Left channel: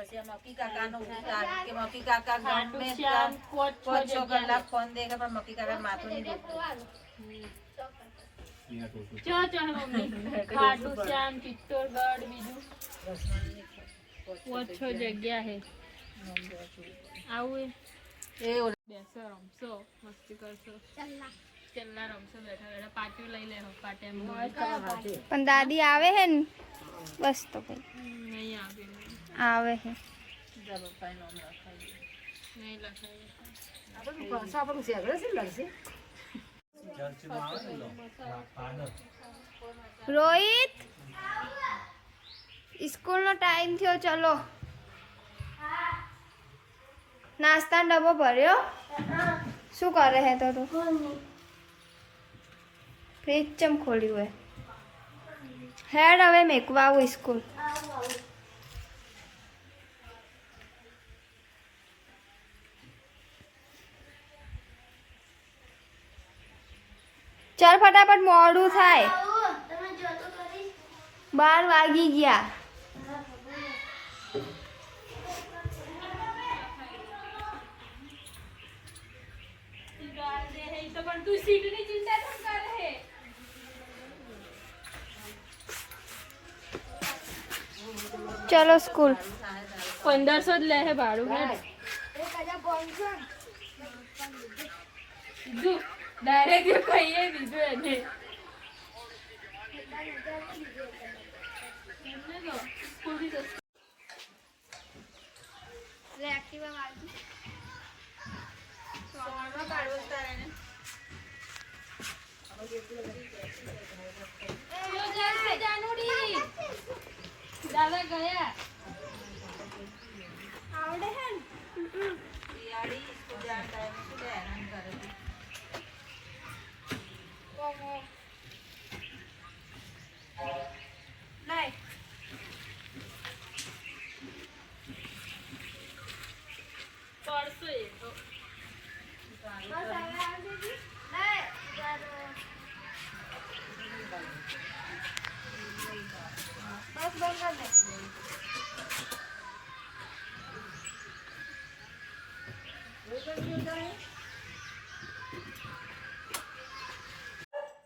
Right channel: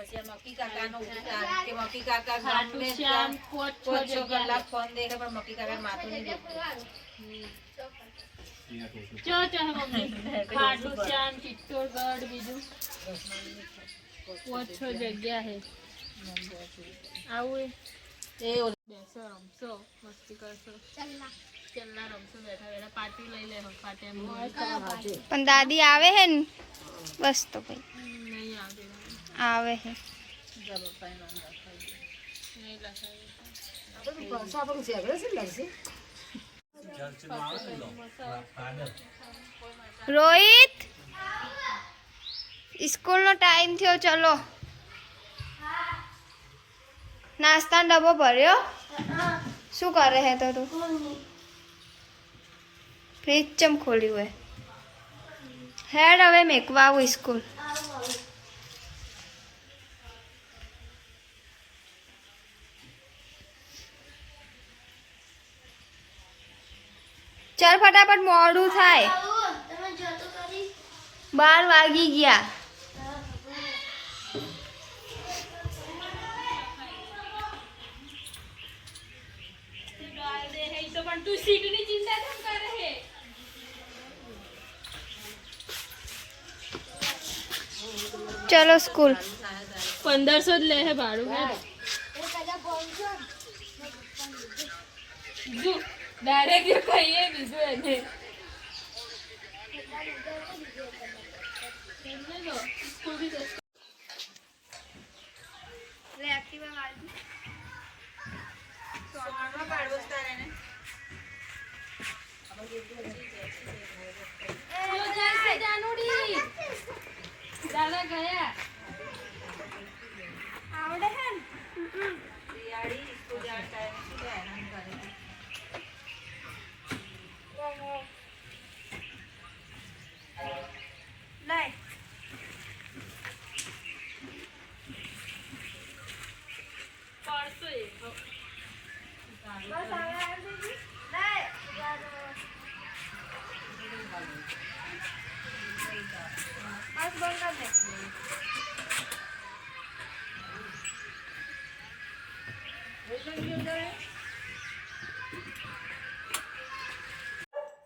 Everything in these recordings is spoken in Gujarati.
પછી મક્કી કાકાનો કે મક્કી કાકા ગમે ત્યાં 5-6 કલાક ફોન દેખે પણ મક્કી કાકા માથું નહીં દુખતું મમ્મી ખાટુ શ્યામ ચિત્તોડગઢ બીજું 5-6 જગ્યા હે આવું એ બેસો રમશો મસ્તી કરશો ચલ્લા રમશો બેઠા બેઠા પાર્ટી લઈ લેહો પાર્ટી પણ દાદી આવે હે ને બસ તો ભાઈ નહીં આવે હે નહીં લખાય રોહિત સ્કૂલ નો ટાઈમ થયો ચલો નાસ્તા ડબ્બો ભર્યો શું કરે હે તો તું ફ્રીજ ચમ ખોલ્યું હે હેડ હવે મેકવા આવું સ્કૂલ ચાલ ફટાફટ મોડું થાય 12 વાગી ગયા પણ તું સીટની ચિંતા કેમ કરે હે ચલો સ્કૂલ 1500 જ લે હે ભાડું હે જો ડાયરેક્ટ કહીએ બીજું એને દાદા ગયા આવડે હે દિવાળી પૂજા ટાઈમે શું હેરાન કરે લાય પડશે બસ હવે આવી દીધી લાય બસ બંધ કર દે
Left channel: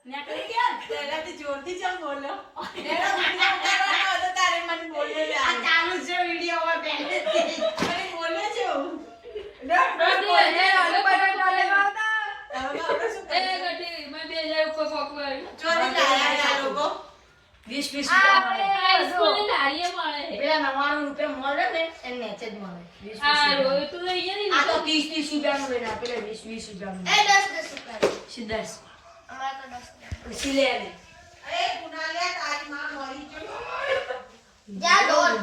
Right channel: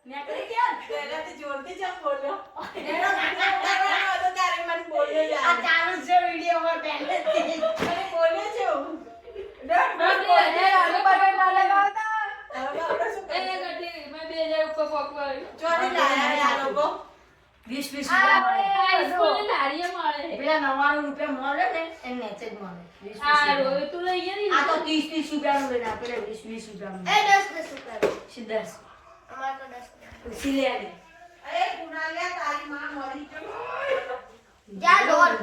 નેકળી ગયા પહેલાથી જોરથી ચમ બોલ્યો એનો વિડિયો ઉતારવાનો હતો તારે મને બોલ્યો લે આ ચાલુ છે વિડિયો હવે પહેલેથી એને બોલ્યો છે ચોરી લાયા આ લોકો 20 સ્કૂલની લારીએ મળે રૂપિયા 99 મળે ને એ મેચેજ મળે 20 આ રોય તું લઈ ગયા આ તો 30 રૂપિયાનું બેના પેલા 20 રૂપિયાનું એ 10 રૂપિયા સીધા અમાર તો 10 સિલે ને એ કુનાલે તારી માં મરી ગઈ જા દોડ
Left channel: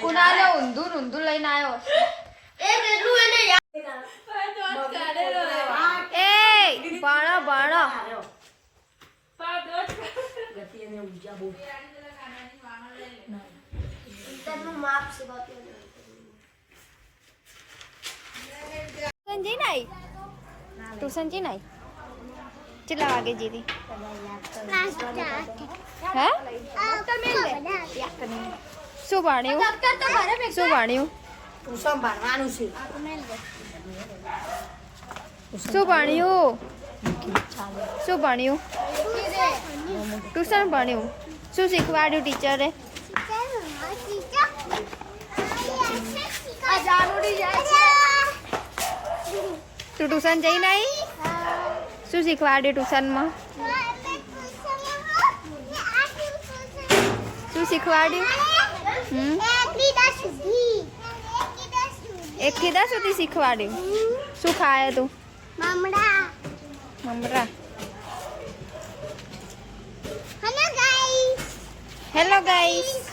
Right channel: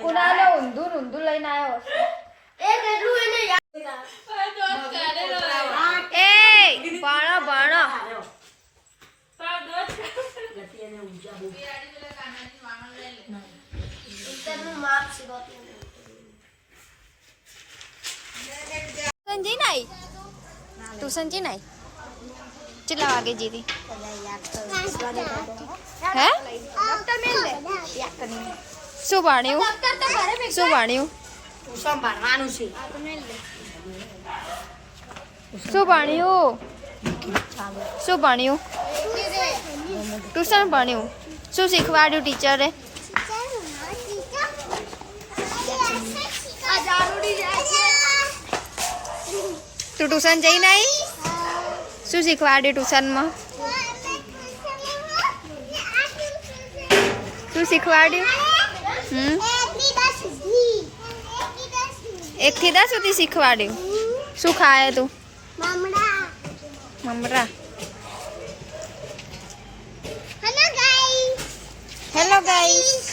કુનાલે ઊંધું લઈને આવ્યો એ કેટલું એને એ બાણો ગતિ એને ઊંચા બહુ ઇન્ટરનું માપ છે બાકી સંજી નાઈ ટ્યુશન જી નાઈ કેટલા વાગે જીતી હે શું ભણ્યું ટ્યુશન ભણવાનું છે શું ભણ્યું ટ્યુશન ભણ્યું શું શીખવાડ્યું ટીચરે તું ટ્યુશન જઈને આવી શું શીખવાડ્યું ટ્યુશનમાં શું શીખવાડ્યું 1 થી 10 સુધી શીખવાડ્યું શું ખાય તું મમરા હેલો ગાઈસ